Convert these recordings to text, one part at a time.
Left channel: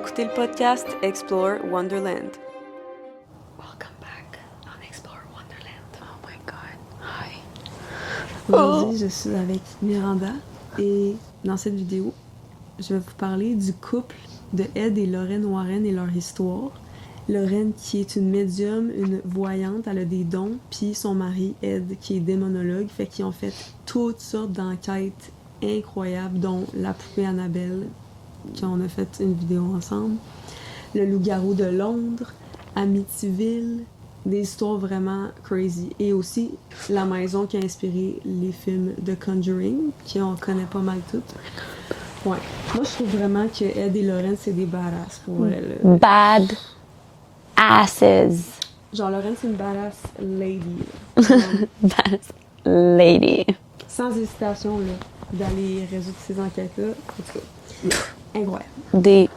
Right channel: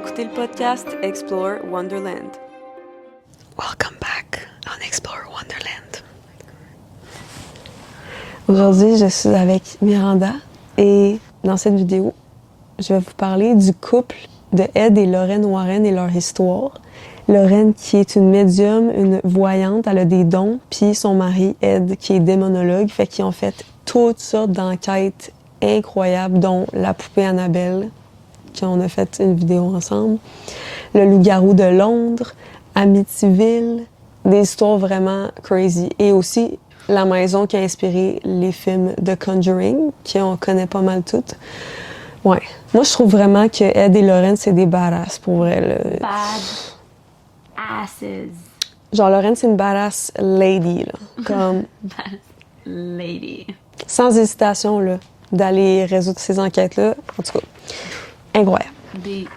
écouter le podcast Explore Wonderland. Welcome back on Explore Wonderland. Oh my God. Aujourd'hui, je suis avec Miranda et dans cette vidéo, je vais vous parler du couple de Ed et Lorraine Warren et leur histoire. Lorraine qui est une médium, une voyante, elle a des dons, puis son mari Ed qui est démonologue, fait qu'ils ont fait toutes sortes d'enquêtes incroyables, dont la poupée Annabelle, qu'on a fait une vidéo ensemble, le loup-garou de Londres, Amityville, des histoires vraiment crazy. Et aussi la maison qui a inspiré les films de Conjuring, qu'on connaît pas mal toutes. Ouais. Moi, je trouve vraiment que Ed et Lorraine, c'est des badass pour elle. Bad asses. Genre, Lorraine, c'est une badass lady, là. Comme, Bad lady. sans hésitation, là, d'aller résoudre ces enquêtes-là. En tout cas, incroyable. Des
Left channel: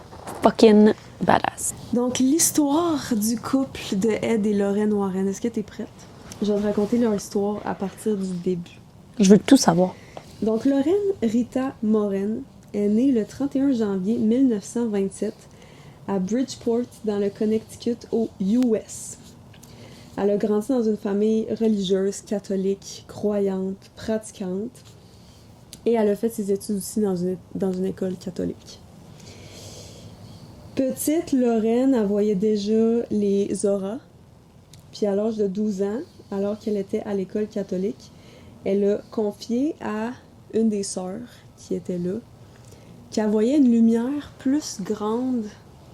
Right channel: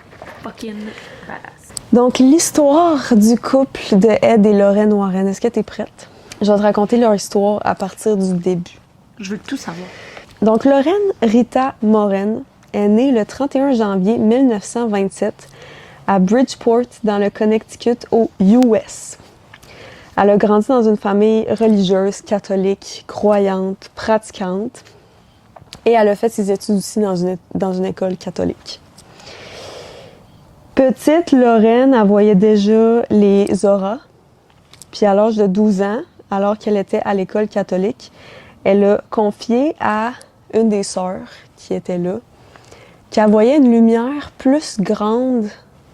fucking badass. Donc, l'histoire du couple de Ed et Lorraine Warren, est-ce que tu es prête? Je vais te raconter leur histoire à partir du début. Je veux tout savoir. Donc, Lorraine Rita Moren est née le 31 janvier 1927 à Bridgeport, dans le Connecticut, aux US. Elle a grandi dans une famille religieuse, catholique, croyante, pratiquante, et elle a fait ses études aussi dans une école catholique. Petite, Lorraine, elle voyait déjà les auras, puis à l'âge de 12 ans, alors qu'elle était à l'école catholique, elle a confié à une des sœurs qui était là qu'elle voyait une lumière plus grande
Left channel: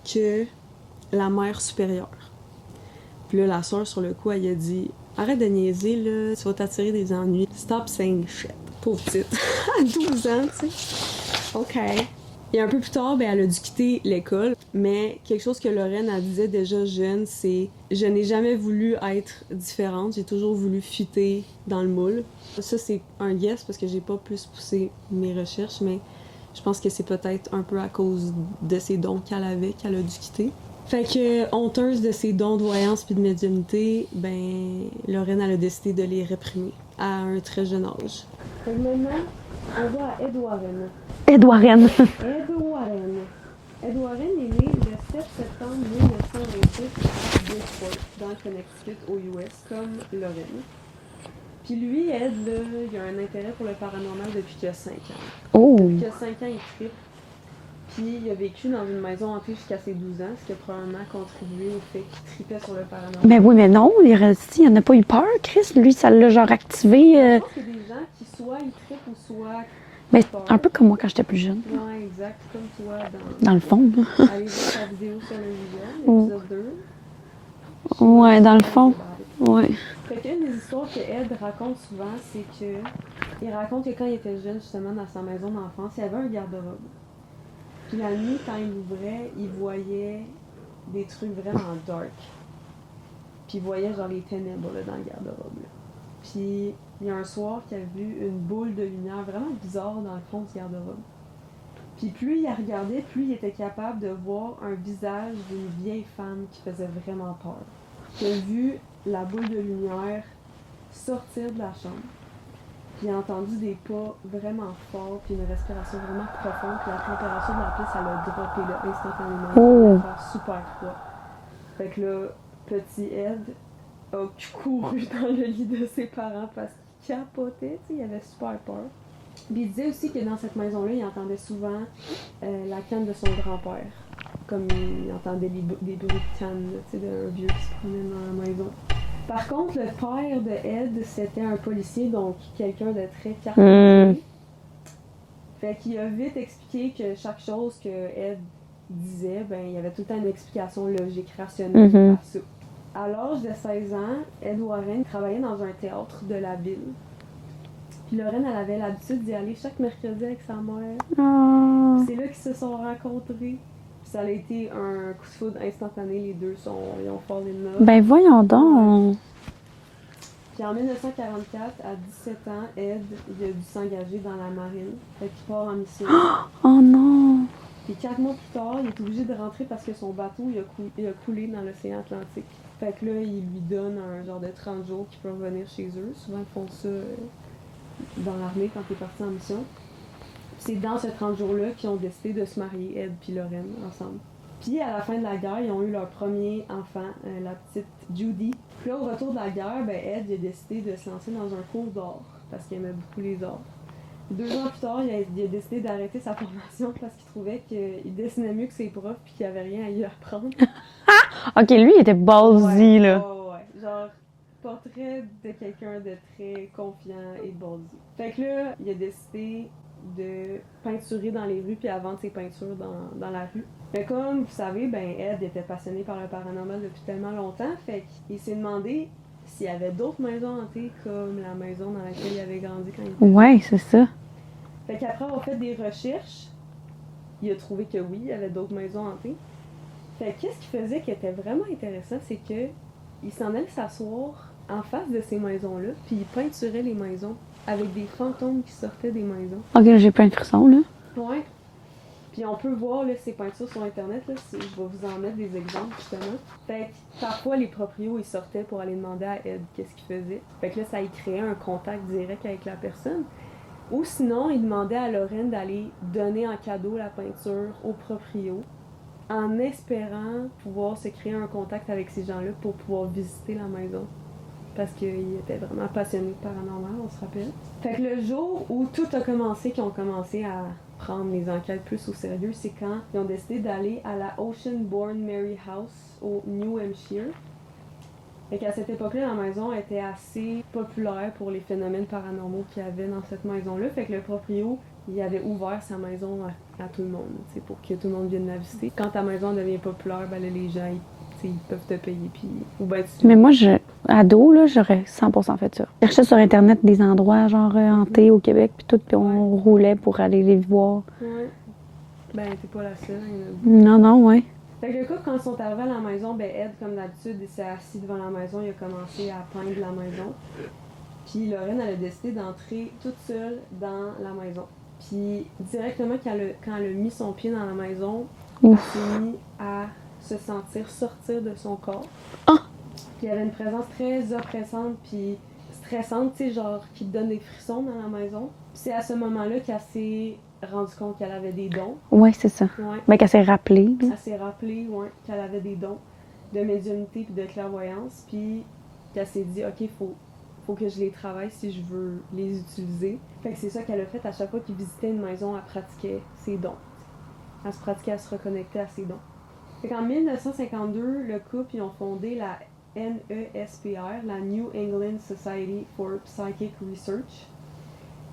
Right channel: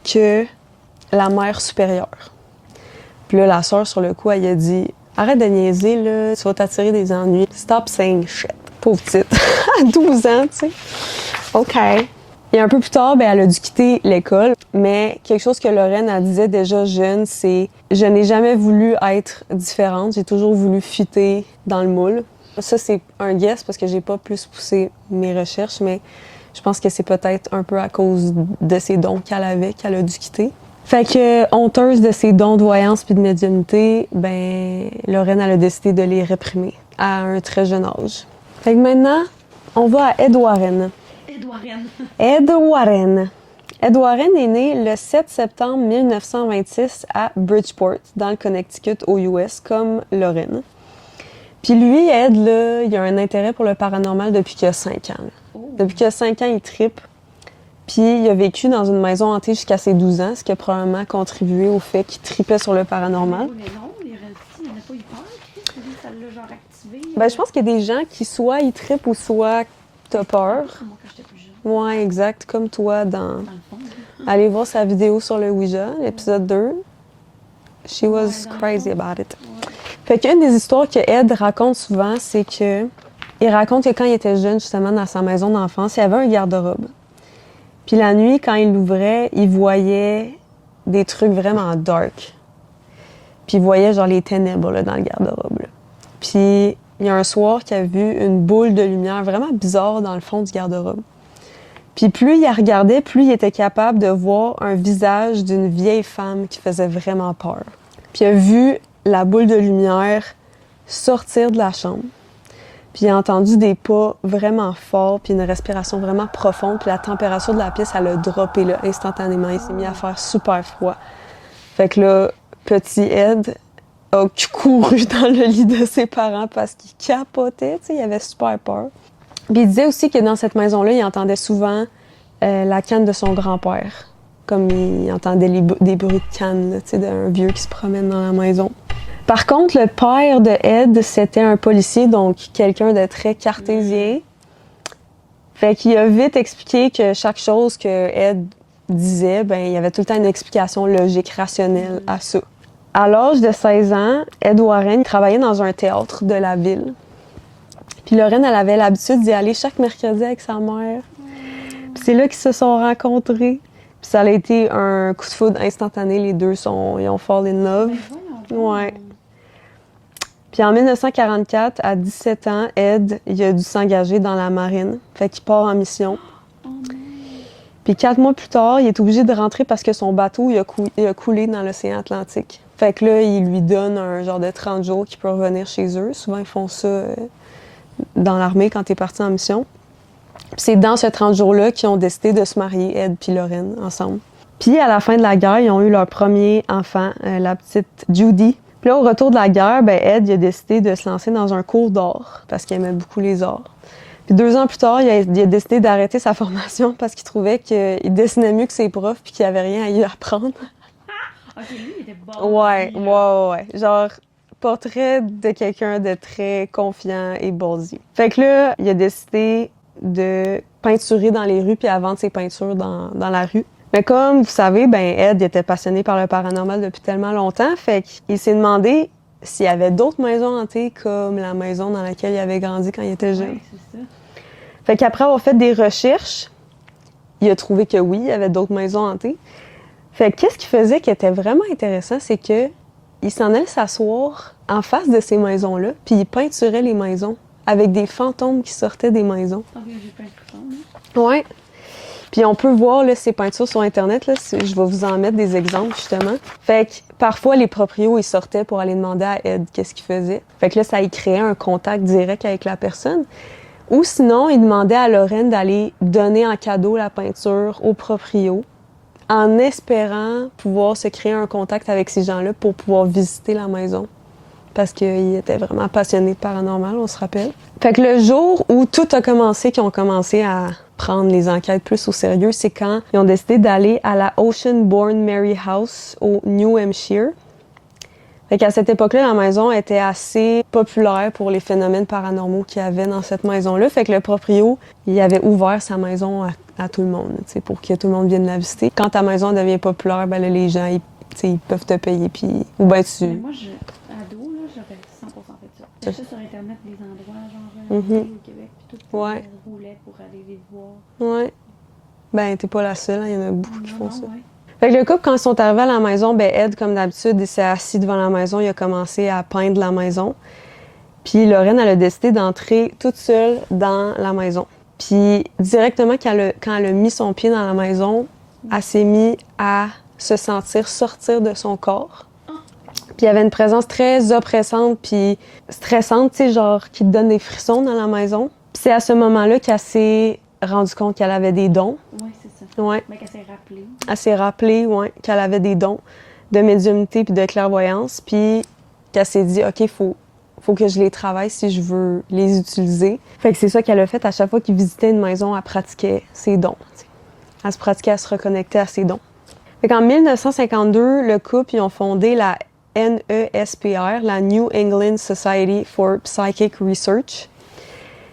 que la mère supérieure. Puis là, la sœur, sur le coup, elle a dit « Arrête de niaiser, là, tu vas t'attirer des ennuis. Stop saying shit. » Pauvre petite, à 12 ans, tu sais. OK. Et un peu plus tard, elle a dû quitter l'école, mais quelque chose que Lorraine, elle disait déjà jeune, c'est « Je n'ai jamais voulu être différente, j'ai toujours voulu fitter dans le moule. » Ça, c'est un guess parce que j'ai pas plus poussé mes recherches, mais je pense que c'est peut-être un peu à cause de ses dons qu'elle avait qu'elle a dû quitter. Fait que, honteuse de ses dons de voyance puis de médiumnité, Lorraine, elle a décidé de les réprimer à un très jeune âge. Fait que maintenant, on va à Ed Warren. Ed Warren. Ed Warren. Ed Warren est né le 7 septembre 1926 à Bridgeport, dans le Connecticut, aux US, comme Lorraine. Puis lui, Ed, là, il a un intérêt pour le paranormal depuis qu'il a 5 ans. Oh. Depuis qu'il a 5 ans, il trippe. Puis il a vécu dans une maison hantée jusqu'à ses 12 ans, ce qui a probablement contribué au fait qu'il tripait sur le paranormal. Mais oui, mais non, il est resté, il n'a pas eu peur, Chris. Lui, ça l'a genre activé. Je pense qu'il y a des gens qui soit ils trippent ou soit t'as peur. Un peu comme moi quand j'étais plus jeune. Ouais, exact. Comme toi Dans le fond. Allez voir sa vidéo sur le Ouija, l'épisode 2. She Ouais, was dans le crazy fond. about it. Ouais. Fait qu'une des histoires que Ed raconte souvent, c'est que il raconte que quand il était jeune, justement, dans sa maison d'enfance, il y avait un garde-robe. Puis la nuit, quand il l'ouvrait, il voyait des trucs vraiment dark. Puis il voyait genre les ténèbres là, dans le garde-robe. Là. Puis il y a un soir qu'il a vu une boule de lumière vraiment bizarre dans le fond du garde-robe. Puis plus il la regardait, plus il était capable de voir un visage d'une vieille femme qui faisait vraiment peur. Puis il a vu la boule de lumière sortir de la chambre. Puis il a entendu des pas vraiment forts, puis une respiration vraiment profonde, puis la température de la pièce, elle a droppé là, instantanément. Il s'est mis à faire super froid. Fait que là, petit Ed a couru dans le lit de ses parents parce qu'il capotait, tu sais, il avait super peur. Puis il disait aussi que dans cette maison-là, il entendait souvent la canne de son grand-père. Comme il entendait des bruits de canne, tu sais, d'un vieux qui se promène dans la maison. Par contre, le père de Ed, c'était un policier, donc quelqu'un de très cartésien. Fait qu'il a vite expliqué que chaque chose que Ed disait, il y avait tout le temps une explication logique, rationnelle à ça. À l'âge de 16 ans, Ed Warren travaillait dans un théâtre de la ville. Puis Lorraine, elle avait l'habitude d'y aller chaque mercredi avec sa mère. Puis c'est là qu'ils se sont rencontrés. Puis ça a été un coup de foudre instantané. Les deux ils ont fall in love. Ben voyons donc. Ouais. Puis en 1944, à 17 ans, Ed, il a dû s'engager dans la marine. Fait qu'il part en mission. Oh non. Puis 4 mois plus tard, il est obligé de rentrer parce que son bateau, il a coulé dans l'océan Atlantique. Fait que là, il lui donne un genre de 30 jours qu'il peut revenir chez eux. Souvent, ils font ça dans l'armée quand t'es parti en mission. Puis c'est dans ce 30 jours-là qu'ils ont décidé de se marier, Ed puis Lorraine, ensemble. Puis à la fin de la guerre, ils ont eu leur premier enfant, la petite Judy. Puis là, au retour de la guerre, ben Ed il a décidé de se lancer dans un cours d'art parce qu'il aimait beaucoup les arts. Puis 2 ans plus tard, il a décidé d'arrêter sa formation parce qu'il trouvait qu'il dessinait mieux que ses profs puis qu'il n'y avait rien à y apprendre. OK, lui, il était ballsy, là. Ouais. Genre, portrait de quelqu'un de très confiant et ballsy. Fait que là, il a décidé de peinturer dans les rues puis à vendre ses peintures dans la rue. Mais comme vous savez, ben Ed il était passionné par le paranormal depuis tellement longtemps, fait qu'il s'est demandé s'il y avait d'autres maisons hantées comme la maison dans laquelle il avait grandi quand il était jeune. Oui, c'est ça. Fait qu'après avoir fait des recherches, il a trouvé que oui, il y avait d'autres maisons hantées. Fait que qu'est-ce qu'il faisait qui était vraiment intéressant, c'est que il s'en allait s'asseoir en face de ces maisons-là, puis il peinturait les maisons avec des fantômes qui sortaient des maisons. OK, j'ai plein de frissons, là. Ouais. Puis on peut voir là, ces peintures sur Internet. Là, je vais vous en mettre des exemples, justement. Fait que parfois, les proprios, ils sortaient pour aller demander à Ed qu'est-ce qu'il faisait. Fait que là, ça y créait un contact direct avec la personne. Ou sinon, il demandait à Lorraine d'aller donner en cadeau la peinture au proprio en espérant pouvoir se créer un contact avec ces gens-là pour pouvoir visiter la maison. Parce qu'il était vraiment passionné de paranormal, on se rappelle. Fait que le jour où tout a commencé, qu'ils ont commencé à prendre les enquêtes plus au sérieux, c'est quand ils ont décidé d'aller à la Oceanbourne Mary House au New Hampshire. Fait qu'à cette époque-là, la maison était assez populaire pour les phénomènes paranormaux qu'il y avait dans cette maison-là. Fait que le proprio, il avait ouvert sa maison à tout le monde, pour que tout le monde vienne la visiter. Quand ta maison devient populaire, ben là, les gens, ils peuvent te payer, puis... Ou ben tu... Mais moi, ado, là, j'aurais 100% fait ça. Je cherchais sur Internet des endroits, genre, hantés au Québec, puis tout, puis on roulait pour aller les voir. Ouais. Ben, t'es pas la seule, il y en a beaucoup. Non, ouais. Fait que le couple, quand ils sont arrivés à la maison, ben Ed, comme d'habitude, il s'est assis devant la maison, il a commencé à peindre la maison. Puis Lorraine, elle a décidé d'entrer toute seule dans la maison. Puis directement, quand elle a mis son pied dans la maison, elle s'est mise à se sentir sortir de son corps. Puis il y avait une présence très oppressante puis stressante, tu sais, genre qui te donne des frissons dans la maison. Puis c'est à ce moment-là qu'elle s'est rendue compte qu'elle avait des dons. Oui, c'est ça. Ouais. Mais qu'elle s'est rappelée. Elle s'est rappelée, ouais, qu'elle avait des dons de médiumnité puis de clairvoyance, puis qu'elle s'est dit, OK, faut que je les travaille si je veux les utiliser. Fait que c'est ça qu'elle a fait à chaque fois qu'il visitait une maison, elle pratiquait ses dons. T'sais. Elle se pratiquait à se reconnecter à ses dons. Fait qu'en 1952, le couple, ils ont fondé la NESPR, la New England Society for Psychic Research.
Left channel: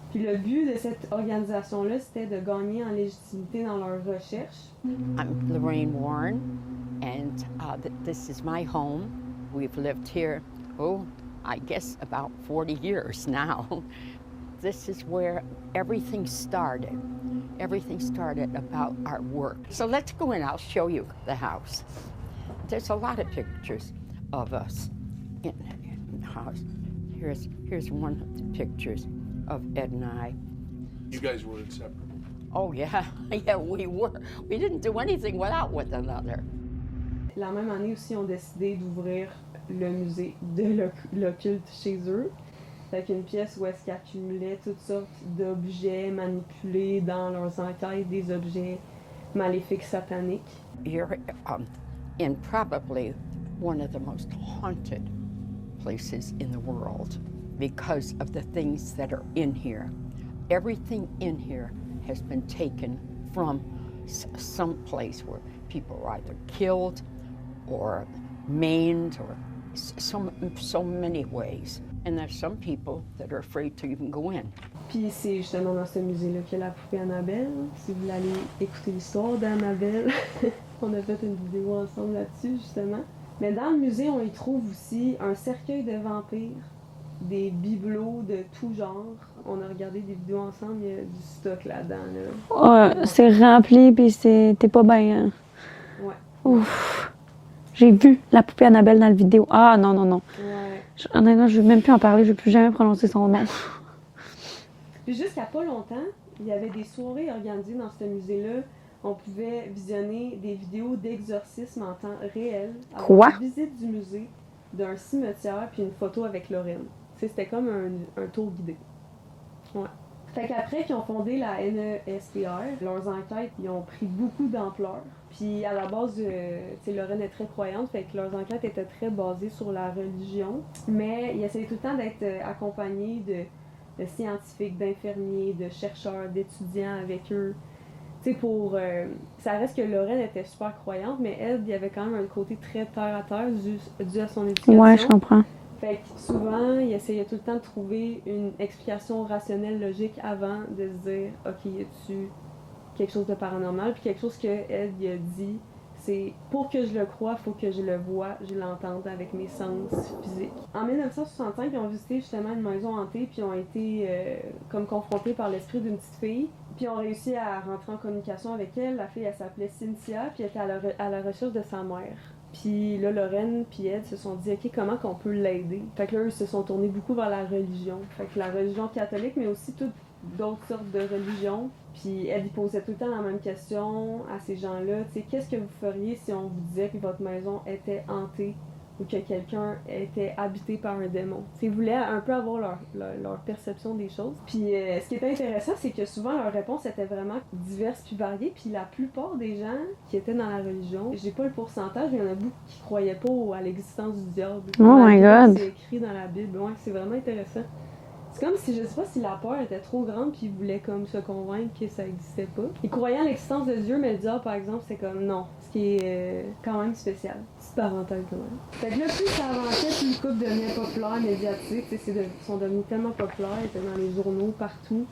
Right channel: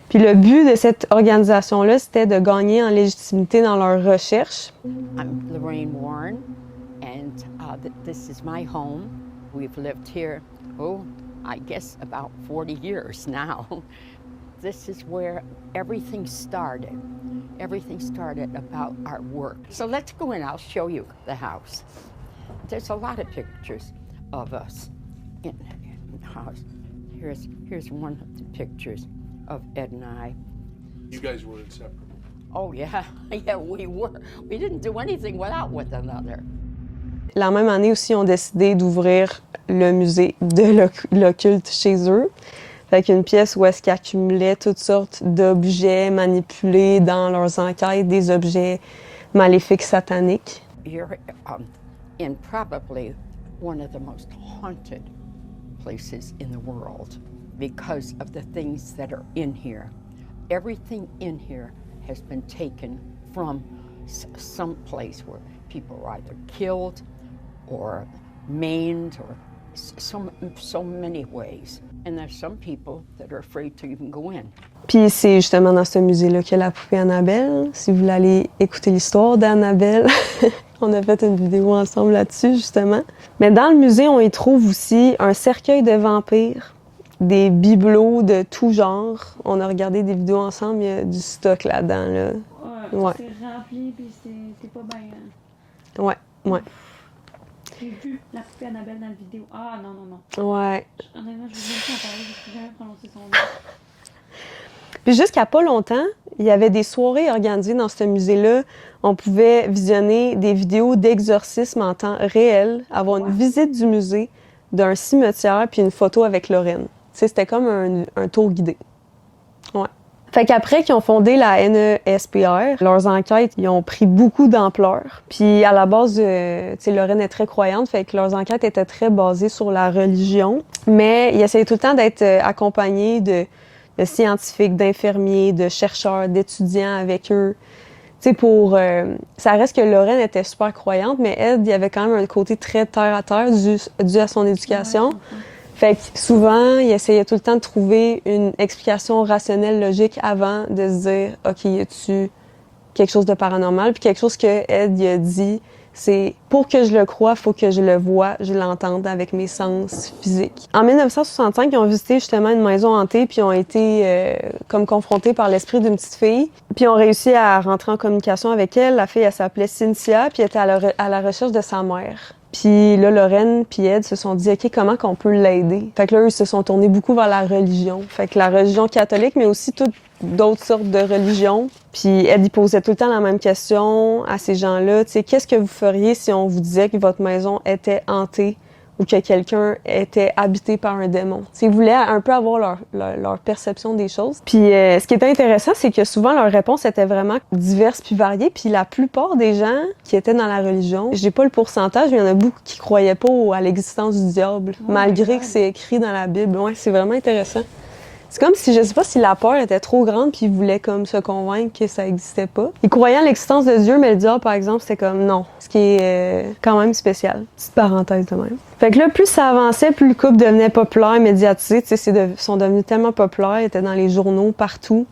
Puis le but de cette organisation-là, c'était de gagner en légitimité dans leurs recherches. I'm Lorraine Warren, and this is my home. We've lived here, I guess about 40 years now. This is where everything started. Everything started about our work. So let's go in, I'll show you the house. There's a lot of pictures of us in the house. Here's one of the pictures of Ed and I. You guys were inseparable. Oh yeah, yeah, we were. We didn't do anything without one another. La même année aussi, ils ont décidé d'ouvrir le musée de l'occulte chez eux. Fait qu'une pièce où est-ce qu'ils accumulaient toutes sortes d'objets manipulés dans leurs enquêtes, des objets maléfiques sataniques. You're in probably one of the most haunted places in the world because of the things that are in here. Everything in here has been taken from some place where people were either killed or maimed or so many ways. And there's some people that are afraid to even go in. Puis c'est justement dans ce musée-là qu'il y a la poupée Annabelle. Si vous voulez aller écouter l'histoire d'Annabelle, on a fait une vidéo ensemble là-dessus, justement. Mais dans le musée, on y trouve aussi un cercueil de vampires, des bibelots de tout genre. On a regardé des vidéos ensemble, il y a du stock là-dedans. Là. Ouais. C'est rempli, puis t'es pas bien. Hein? Ouais. Ouf. J'ai vu la poupée Annabelle dans la vidéo. Ah, non. Ouais. Honnêtement, je vais même plus en parler, je ne vais plus jamais prononcer son nom. Puis jusqu'à pas longtemps, il y avait des soirées organisées dans ce musée-là. On pouvait visionner des vidéos d'exorcisme en temps réel, avoir une visite du musée, d'un cimetière, puis une photo avec Lorraine. Tu sais, c'était comme un tour guidé. Ouais. Fait qu'après qu'ils ont fondé la NESPR, leurs enquêtes, ils ont pris beaucoup d'ampleur. Puis à la base, tu sais, Lorraine est très croyante, fait que leurs enquêtes étaient très basées sur la religion. Mais ils essayaient tout le temps d'être accompagnés de scientifiques, d'infirmiers, de chercheurs, d'étudiants avec eux. Tu sais, ça reste que Lorraine était super croyante, mais Ed, il y avait quand même un côté très terre-à-terre dû à son éducation. Ouais, je comprends. Fait que souvent, il essayait tout le temps de trouver une explication rationnelle, logique avant de se dire « OK, y a-tu quelque chose de paranormal? » Puis quelque chose que Ed il a dit, c'est « Pour que je le croie, faut que je le voie, je l'entende avec mes sens physiques. » En 1965, ils ont visité justement une maison hantée puis ont été comme confrontés par l'esprit d'une petite fille. Puis ils ont réussi à rentrer en communication avec elle. La fille, elle s'appelait Cynthia puis elle était à la recherche de sa mère. Puis là, Lorraine puis Ed se sont dit, OK, comment qu'on peut l'aider? Fait que là, eux, ils se sont tournés beaucoup vers la religion. Fait que la religion catholique, mais aussi toutes d'autres sortes de religions. Puis Ed, il posait tout le temps la même question à ces gens-là. Tu sais, qu'est-ce que vous feriez si on vous disait que votre maison était hantée ou que quelqu'un était habité par un démon? Tu sais, ils voulaient un peu avoir leur perception des choses. Puis ce qui était intéressant, c'est que souvent, leurs réponses étaient vraiment diverses puis variées. Puis la plupart des gens qui étaient dans la religion, j'ai pas le pourcentage, mais il y en a beaucoup qui croyaient pas à l'existence du diable, malgré que c'est écrit dans la Bible. Ouais, c'est vraiment intéressant. C'est comme si, je sais pas si la peur était trop grande puis ils voulaient comme se convaincre que ça existait pas. Ils croyaient en l'existence de Dieu, mais le diable, par exemple, c'était comme non. Ce qui est quand même spécial. Petite parenthèse de même. Fait que là, plus ça avançait, plus le couple devenait populaire, médiatisé. Tu sais, ils sont devenus tellement populaires, ils étaient dans les journaux partout.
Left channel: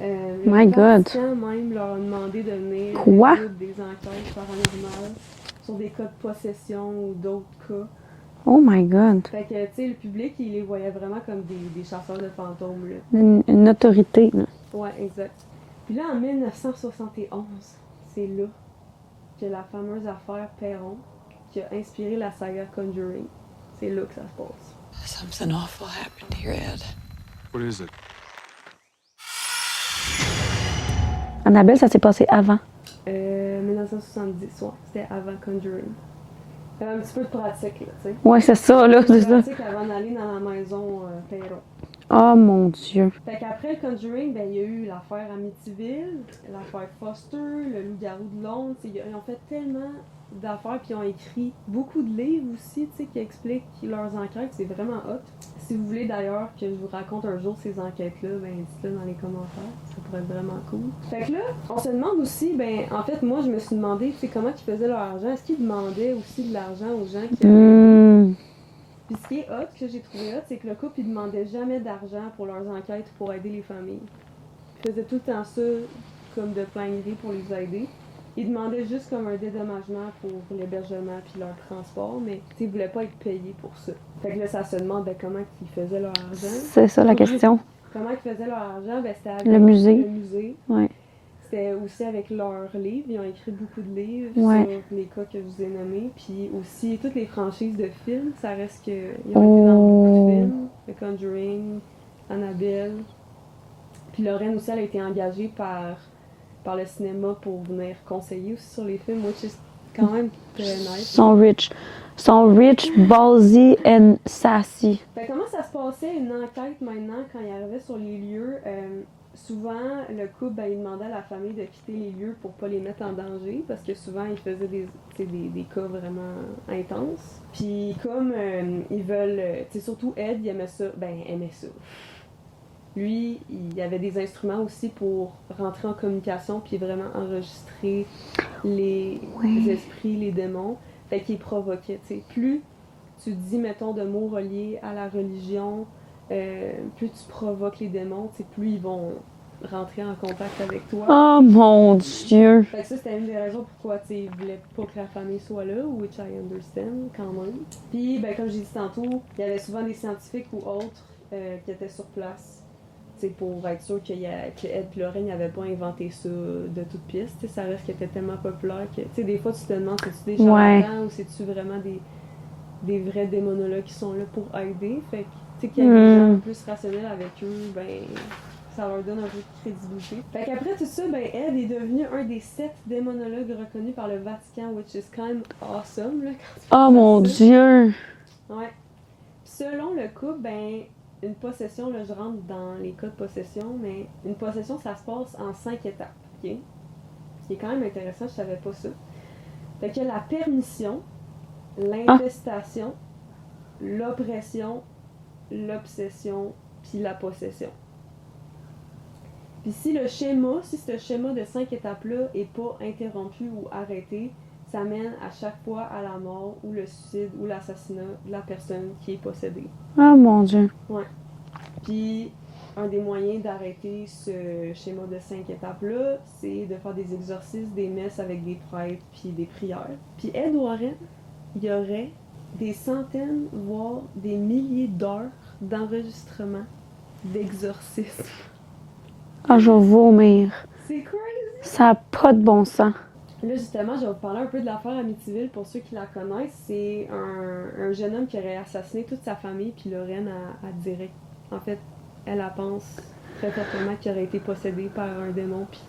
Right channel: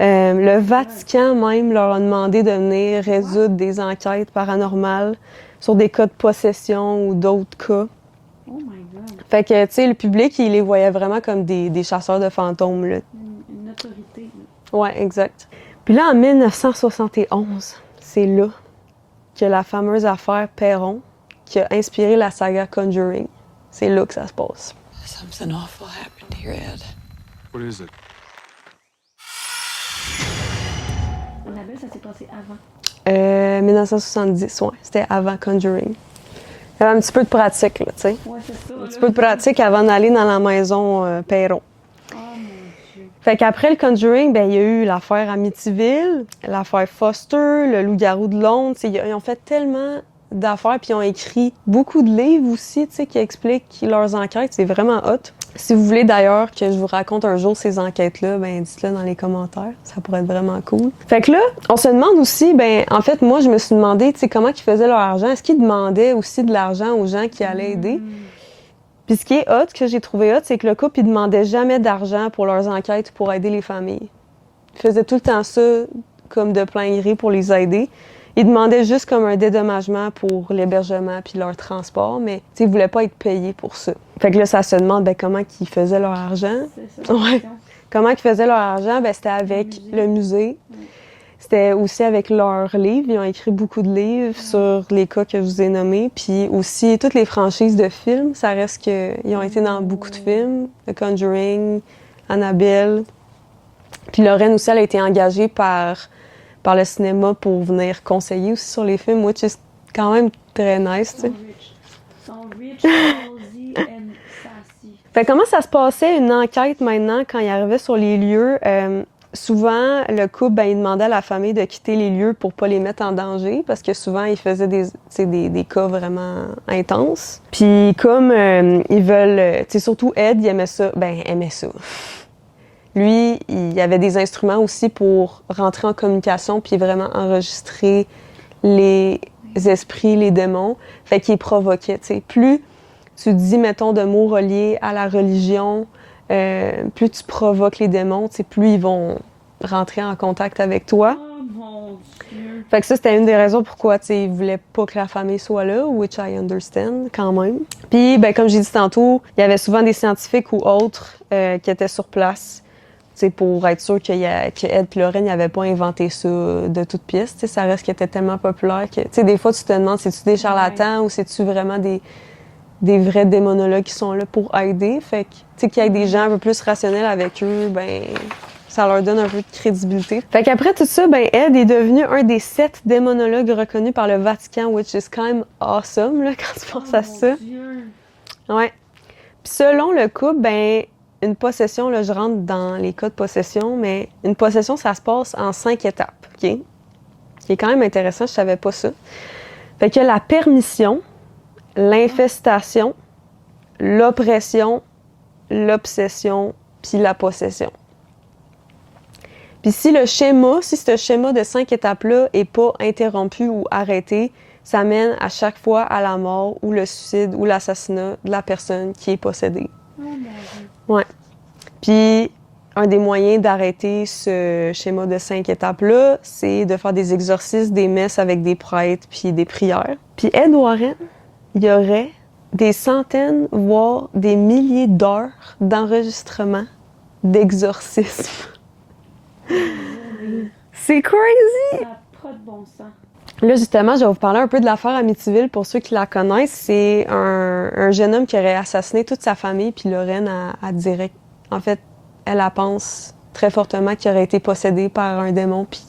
Le Vatican même leur a demandé de venir résoudre des enquêtes paranormales sur des cas de possession ou d'autres cas. Oh my God! Fait que, tu sais, le public, il les voyait vraiment comme des chasseurs de fantômes, là. Une autorité, là. Ouais, exact. Puis là, en 1971, c'est là que la fameuse affaire Perron, qui a inspiré la saga Conjuring, c'est là que ça se passe. Something awful happened here, Ed. What is it? Annabelle, ça s'est passé avant. 1970, ouais, c'était avant Conjuring. Il y avait un petit peu de pratique, là, tu sais. Ouais, c'est ça, Un là. petit peu de pratique avant d'aller dans la maison Perron. Oh mon Dieu. Fait qu'après le Conjuring, ben il y a eu l'affaire Amityville, l'affaire Foster, le loup-garou de Londres. Ils ont fait tellement d'affaires, puis ils ont écrit beaucoup de livres aussi, tu sais, qui expliquent leurs enquêtes. C'est vraiment hot. Si vous voulez d'ailleurs que je vous raconte un jour ces enquêtes-là, ben dites-le dans les commentaires. Ça pourrait être vraiment cool. Fait que là, on se demande aussi, ben en fait, moi, je me suis demandé, tu sais, comment ils faisaient leur argent. Est-ce qu'ils demandaient aussi de l'argent aux gens qui allaient aider? Puis ce qui est hot, que j'ai trouvé hot, c'est que le couple, il demandait jamais d'argent pour leurs enquêtes pour aider les familles. Ils faisaient tout le temps ça comme de plein gré pour les aider. Ils demandaient juste comme un dédommagement pour l'hébergement puis leur transport, mais ils ne voulaient pas être payés pour ça. Fait que là, ça se demande comment ils faisaient leur argent. C'est ça la question. Comment ils faisaient leur argent? Ben, c'était avec le musée. Ouais. C'était aussi avec leurs livres. Ils ont écrit beaucoup de livres sur les cas que je vous ai nommés. Puis aussi, toutes les franchises de films, ça reste qu'ils ont été dans beaucoup de films. The Conjuring, Annabelle. Puis Lorraine aussi, elle a été engagée par le cinéma pour venir conseiller aussi sur les films, which is quand même très nice. Ils sont rich, ballsy and sassy. Fait comment ça se passait, une enquête maintenant, quand ils arrivaient sur les lieux? Souvent, le couple, ben, il demandait à la famille de quitter les lieux pour pas les mettre en danger, parce que souvent, ils faisaient des cas vraiment intenses. Puis comme ils veulent... surtout Ed, il aimait ça. Ben, aimait ça. Lui, il avait des instruments aussi pour rentrer en communication puis vraiment enregistrer les esprits, les démons. Fait qu'il provoquait, tu sais. Plus tu dis, mettons, de mots reliés à la religion, plus tu provoques les démons, plus ils vont rentrer en contact avec toi. Oh mon Dieu! Fait que ça, c'était une des raisons pourquoi ils voulaient pas que la famille soit là, which I understand quand même. Puis, ben, comme j'ai dit tantôt, il y avait souvent des scientifiques ou autres qui étaient sur place pour être sûr que Ed et Lorraine n'avaient pas inventé ça de toutes pièces. Ça reste qu'il était tellement populaire que des fois, tu te demandes, c'est-tu des charlatans ou c'est-tu vraiment des vrais démonologues qui sont là pour aider. Fait que, qu'il y ait des gens un peu plus rationnels avec eux, ben ça leur donne un peu de crédibilité. Fait qu'après tout ça, ben Ed est devenu un des 7 démonologues reconnus par le Vatican, which is quand même awesome, là, quand tu penses à ça. Oh mon Dieu! Ouais. Puis selon le couple, ben une possession, là, je rentre dans les cas de possession, mais une possession, ça se passe en 5 étapes, OK? Qui est quand même intéressant, je savais pas ça. Fait que la permission, l'infestation, l'oppression, l'obsession, puis la possession. Puis si ce schéma de 5 étapes-là est pas interrompu ou arrêté, ça mène à chaque fois à la mort ou le suicide ou l'assassinat de la personne qui est possédée. Oh mon Dieu. Ouais. Puis un des moyens d'arrêter ce schéma de 5 étapes-là, c'est de faire des exorcismes, des messes avec des prêtres puis des prières. Puis Ed Warren, il y aurait des centaines, voire des milliers d'heures d'enregistrement d'exorcisme. Ah, je vais vomir. C'est crazy! Ça n'a pas de bon sens. Là, justement, je vais vous parler un peu de l'affaire Amityville pour ceux qui la connaissent. C'est un jeune homme qui aurait assassiné toute sa famille, puis Lorraine a direct. En fait, elle pense très fortement qu'il aurait été possédé par un démon, puis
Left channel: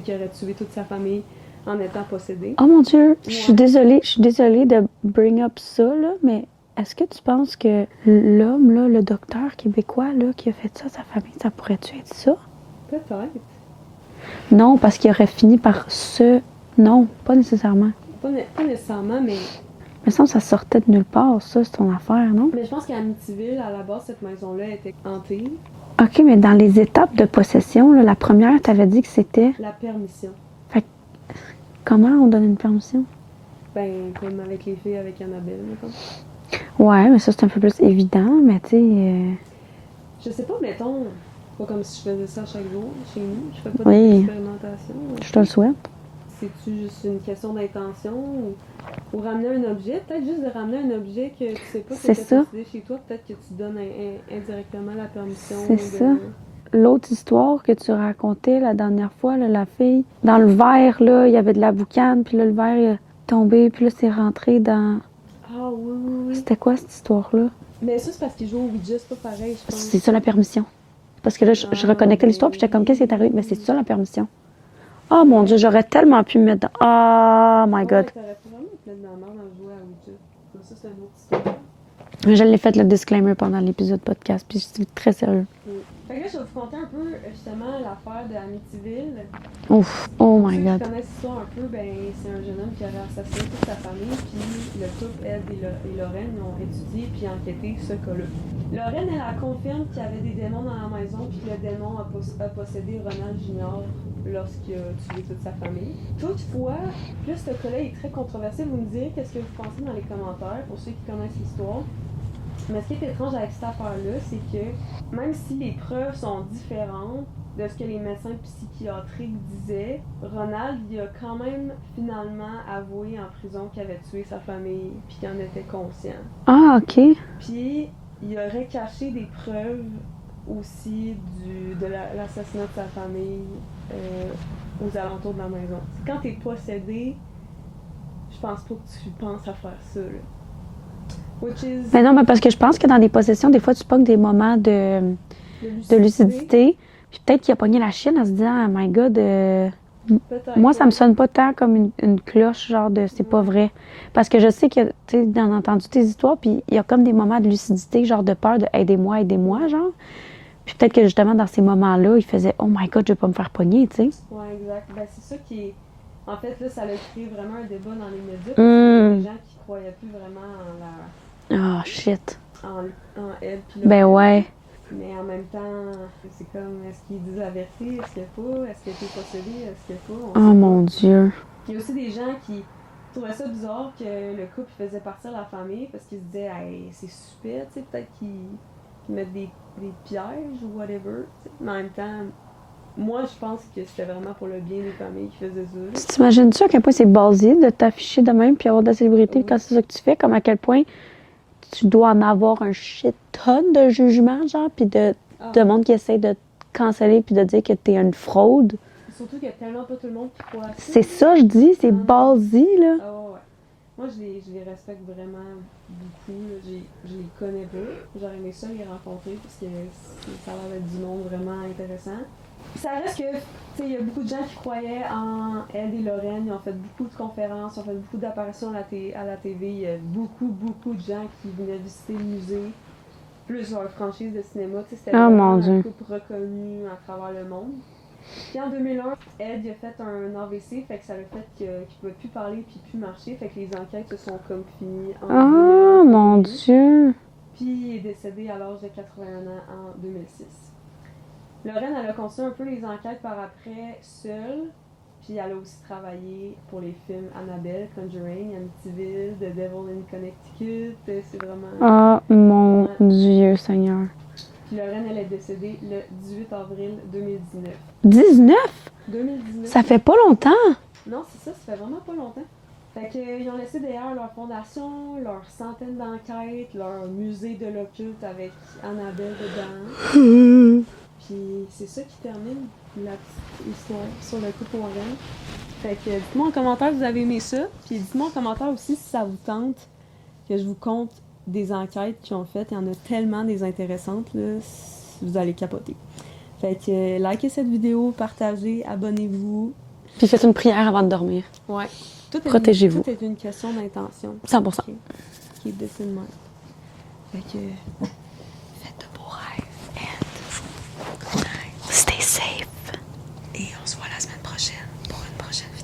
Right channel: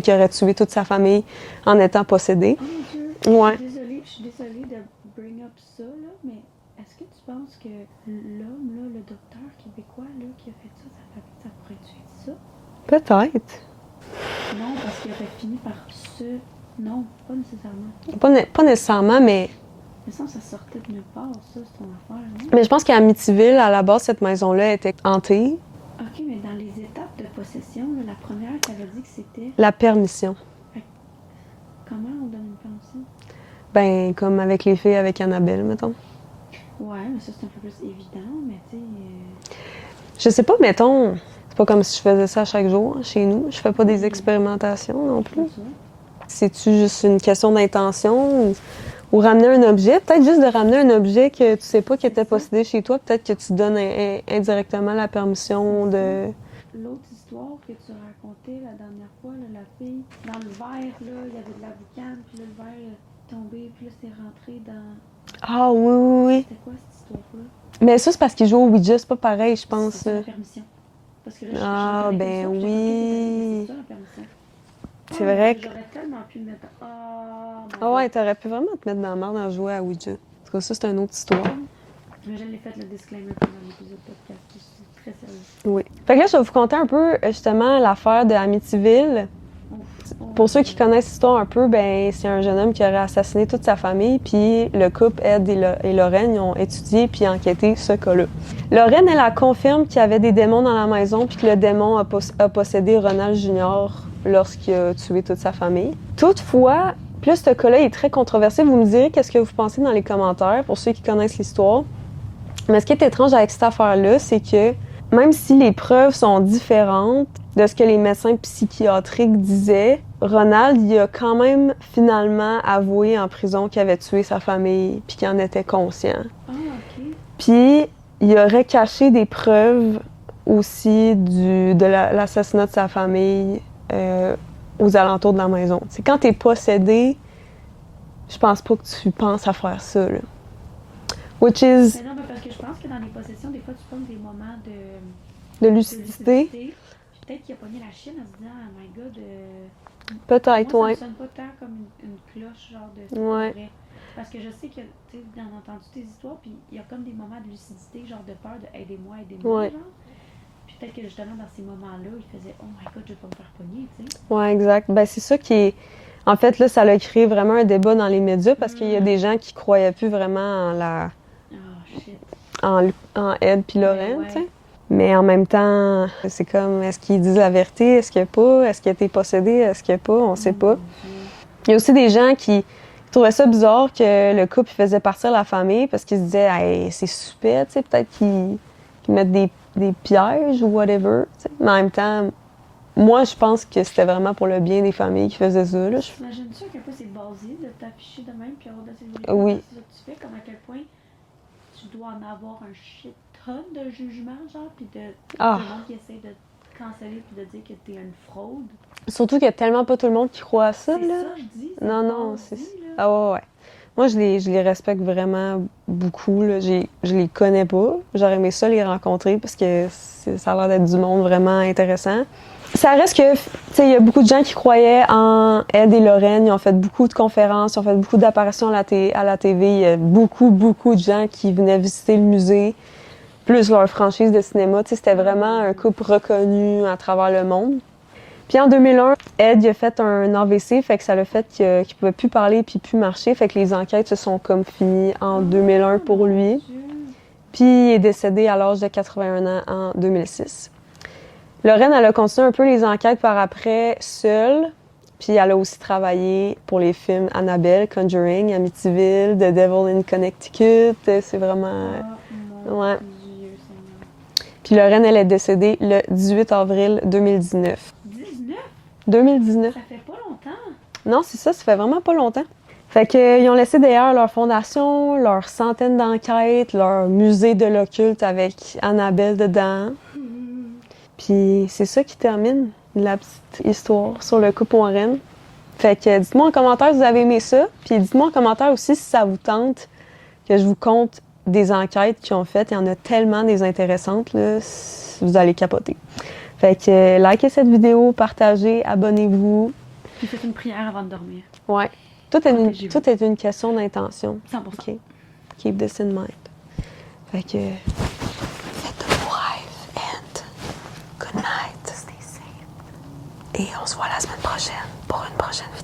qu'il aurait tué toute sa famille en étant possédé. Oh mon Dieu, Ouais. je suis désolée de bring up ça, là, mais est-ce que tu penses que l'homme, là, le docteur québécois là, qui a fait ça à sa famille, ça pourrait-tu être ça? Peut-être. Non, parce qu'il aurait fini par se... Non, pas nécessairement. Pas nécessairement, mais Il me semble que ça sortait de nulle part, ça, c'est ton affaire, non? je pense qu'à Amityville, à la base, cette maison-là était hantée. OK, mais dans les étapes de possession, là, la première, t'avais dit que c'était... La permission. Comment on donne une permission? Ben, comme avec les filles avec Annabelle, mettons. Ouais, mais ça, c'est un peu plus évident, mais tu sais... Je sais pas, mettons, c'est pas comme si je faisais ça chaque jour chez nous. Je fais pas des Oui. expérimentations non Je te le plus. souhaite. C'est-tu juste une question d'intention ou ramener un objet? Peut-être juste de ramener un objet que tu sais pas qui C'est était ça. possédé chez toi. Peut-être que tu donnes indirectement la permission C'est de... L'autre histoire que tu racontais la dernière fois, là, la fille, dans le verre, là, il y avait de la boucane, puis là, le verre il est tombé, puis là, c'est rentré dans... Ah oui, oui, oui. C'était quoi, cette histoire-là? Mais ça, c'est parce qu'ils jouent au Ouija, c'est pas pareil, je pense. C'est ça, la permission. Parce que là, je Ah, reconnais ben l'histoire, puis j'étais comme, oui. qu'est-ce qui est arrivé? Mais c'est ça, la permission. C'est Oh mon vrai Dieu, que- j'aurais tellement pu me mettre dans... Oh my Ah God. ouais, t'aurais pu vraiment te mettre dans la merde en jouer à Ouija. En tout cas, ça, c'est une autre histoire. Mais je l'ai fait, le disclaimer, pendant l'épisode podcast, puis je suis très sérieux. Oui. Fait que là, je vais vous conter un peu, justement, l'affaire de Amityville. Ouf. Oh Pour my ceux qui God. connaissent l'histoire un peu, ben c'est un jeune homme qui aurait assassiné toute sa famille, puis le couple Ed et Lorraine ils ont étudié puis enquêté ce cas-là. Lorraine, elle confirme qu'il y avait des démons dans la maison, puis que le démon a possédé Ronald Jr. lorsqu'il a tué toute sa famille. Toutefois, plus ce cas-là est très controversé. Vous me direz qu'est-ce que vous pensez dans les commentaires, pour ceux qui connaissent l'histoire. Mais ce qui est étrange avec cette affaire-là, c'est que même si les preuves sont différentes de ce que les médecins psychiatriques disaient, Ronald, il a quand même finalement avoué en prison qu'il avait tué sa famille puis qu'il en était conscient. Ah, OK. Puis il aurait caché des preuves aussi de l'assassinat de sa famille aux alentours de la maison. C'est quand t'es possédé, je pense pas que tu penses à faire ça, là. Which is Mais non, mais parce que je pense que dans des possessions, des fois, tu pognes des moments de de lucidité. Puis peut-être qu'il a pogné la chienne en se disant, oh my God, Peut-être. moi, ça ouais. me sonne pas tant comme une cloche, genre de c'est pas Ouais. vrai. Parce que je sais que, tu sais, j'en ai entendu tes histoires, puis il y a comme des moments de lucidité, genre de peur, de aidez-moi, Ouais. genre. Puis peut-être que justement, dans ces moments-là, il faisait, oh my God, je vais pas me faire pogner, tu sais. Ouais, exact. Ben, c'est ça qui est. En fait, là, ça a créé vraiment un débat dans les médias parce qu'il y a des gens qui croyaient plus vraiment Oh, shit. en Ed puis Ben Lorraine, ouais. tu sais. Mais en même temps, c'est comme, est-ce qu'ils disent la vérité? Est-ce qu'il n'y a pas? Est-ce qu'il a été possédé? Est-ce qu'il n'y a pas? On Oh sait pas. mon Dieu. Il y a aussi des gens qui trouvaient ça bizarre que le couple faisait partir la famille parce qu'ils se disaient, hey, c'est super, tu sais, peut-être qu'ils mettent des pièges ou whatever, tu sais. Mais en même temps, moi, je pense que c'était vraiment pour le bien des familles qui faisaient ça, là. T'imagines-tu à quel point c'est basique de t'afficher de même puis avoir de la célébrité Oui. quand c'est ça que tu fais? Comme à quel point tu dois en avoir un shit tonne de jugements, genre, puis de monde qui essaie de te canceller puis de dire que t'es une fraude. Surtout qu'il y a tellement pas tout le monde qui croit à ça. C'est là. ça, je dis, c'est Non, non. basique, là. Ah ouais, ouais. Moi, je les respecte vraiment beaucoup, là. Je les connais pas. J'aurais aimé ça les rencontrer parce que ça a l'air d'être du monde vraiment intéressant. Ça reste que, tu sais, il y a beaucoup de gens qui croyaient en Ed et Lorraine. Ils ont fait beaucoup de conférences, ils ont fait beaucoup d'apparitions à la TV. Il y a beaucoup, beaucoup de gens qui venaient visiter le musée. plus leur franchise de cinéma. Tu sais, c'était Oh, vraiment mon un Dieu. couple reconnu à travers le monde. Puis en 2001, Ed il a fait un AVC, fait que ça l'a fait qu'il pouvait plus parler puis plus marcher. Fait que les enquêtes se sont comme finies en 2001 pour mon lui. Dieu. Puis il est décédé à l'âge de 81 ans en 2006. Lorraine, elle a continué un peu les enquêtes par après, seule. Puis elle a aussi travaillé pour les films Annabelle, Conjuring, Amityville, The Devil in Connecticut. C'est vraiment... Ah, mon Ouais. Dieu, Seigneur. Puis Lorraine, elle est décédée le 18 avril 2019. 19? 2019. Ça fait pas longtemps. Non, c'est ça fait vraiment pas longtemps. Fait qu'ils ont laissé d'ailleurs leur fondation, leurs centaines d'enquêtes, leur musée de l'occulte avec Annabelle dedans. Puis c'est ça qui termine la petite histoire sur le couple Warren. Fait que dites-moi en commentaire si vous avez aimé ça. Puis dites-moi en commentaire aussi si ça vous tente que je vous conte des enquêtes qu'ils ont faites. Il y en a tellement des intéressantes, là, vous allez capoter. Fait que likez cette vidéo, partagez, abonnez-vous. Puis faites une prière avant de dormir. Ouais. Tout Protégez-vous. est une question d'intention. 100%. OK. Keep this in mind. Fait que... Faites de beaux rêves and good night. Stay safe. Et on se voit la semaine prochaine pour une prochaine vidéo.